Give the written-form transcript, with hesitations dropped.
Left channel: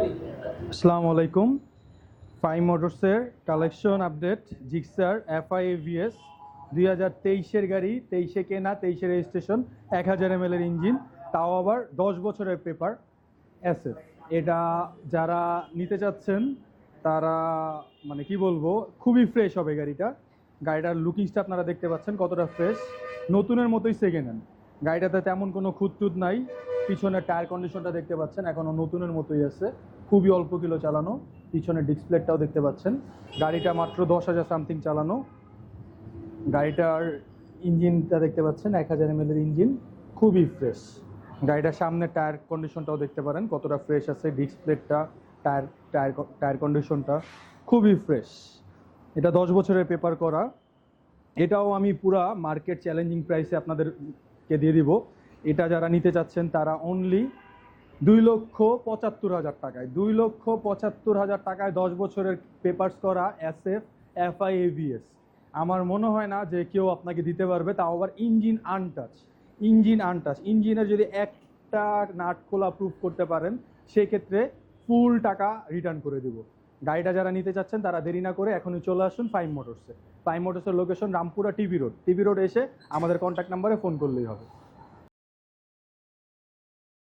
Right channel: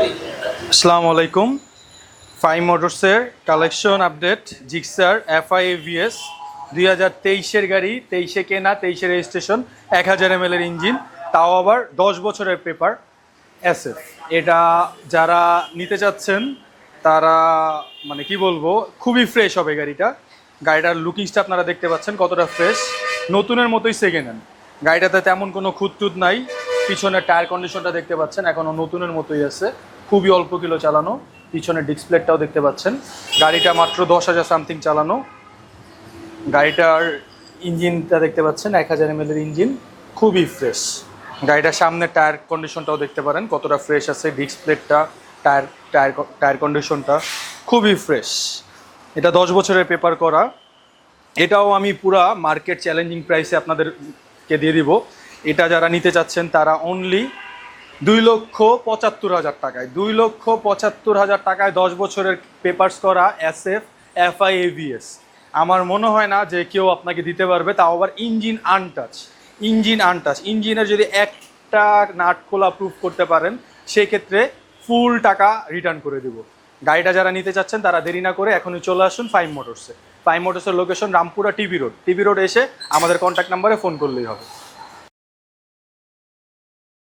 আসসালামু আলাইকুম। ফাইভ মোটরসের collection update Gixxer FI AVS 2023-এর গাড়ি, 23-এ কেনা, 23-এ রেজিস্ট্রেশন, 1000 ml এর ইঞ্জিন, তাও আবার 10 বছরের পেপার SF। এটা যারা নিতে চাচ্ছেন তারা মানে কি বলবো, খুবই ফ্রেশ হবে গাড়িটা। গাড়িটার লুকিংসটা আপনারা দেখতে পাচ্ছেন কতটা ফ্রেশ, নতুনের মতোই সেকেন্ড হ্যান্ড। গাড়িটাতে তেমন কোনো খুঁতটুত নাই। পিছনের টায়ার কন্ডিশনটা দেখতে পাচ্ছেন এখনও নতুনের মতোই আছে, খুবই অল্প কিলো চালানো। পিছনের ডিসপ্লেটাও দেখতে পাচ্ছেন। গাড়িটা মাত্র 10,000 সামথিং চালানো। গাড়িটার ইঞ্জিনটা দেখতে পাচ্ছেন 1000 ml এর ইঞ্জিন, খুবই ফ্রেশ। গাড়িটার সামনের টায়ার কন্ডিশনটাও দেখতে পারেন কতটা ফ্রেশ আছে। ডিসপ্লেটা, টায়ার টায়ার টায়ার কন্ডিশনটা খুবই ফ্রেশ। এটা 10 বছরের পেপার করা। এটাও আমি পুরা মার্কেট চ্যালেঞ্জিং প্রাইসে আপনাদেরকে দিয়ে দিব। এটা যারা নিতে চাচ্ছেন তারা অনলি 2,75,000 টাকায়, 2,75,000 টাকায় 10 বছরের পেপারস করা SF FI AVS। আমার মনে হয় না যে কেউ আপনাকে দিতে পারবে, তাও আবার ইঞ্জিন আনটাচ। ইঞ্জিনের যদি একটা নাট খোলা প্রুফ করতে পারেন সেক্ষেত্রে ফুল টাকা রিটার্ন করে দিব। গাড়িটা যারা নিতে চাচ্ছেন তারা দেরি না করে এখনই চলে আসুন ফাইভ মোটরসে। ফাইভ মোটরসের লোকেশন রামপুরা টিবি রোড এসে আমাদের কন্ট্যাক্ট নাম্বারে ফোন করলেই হবে।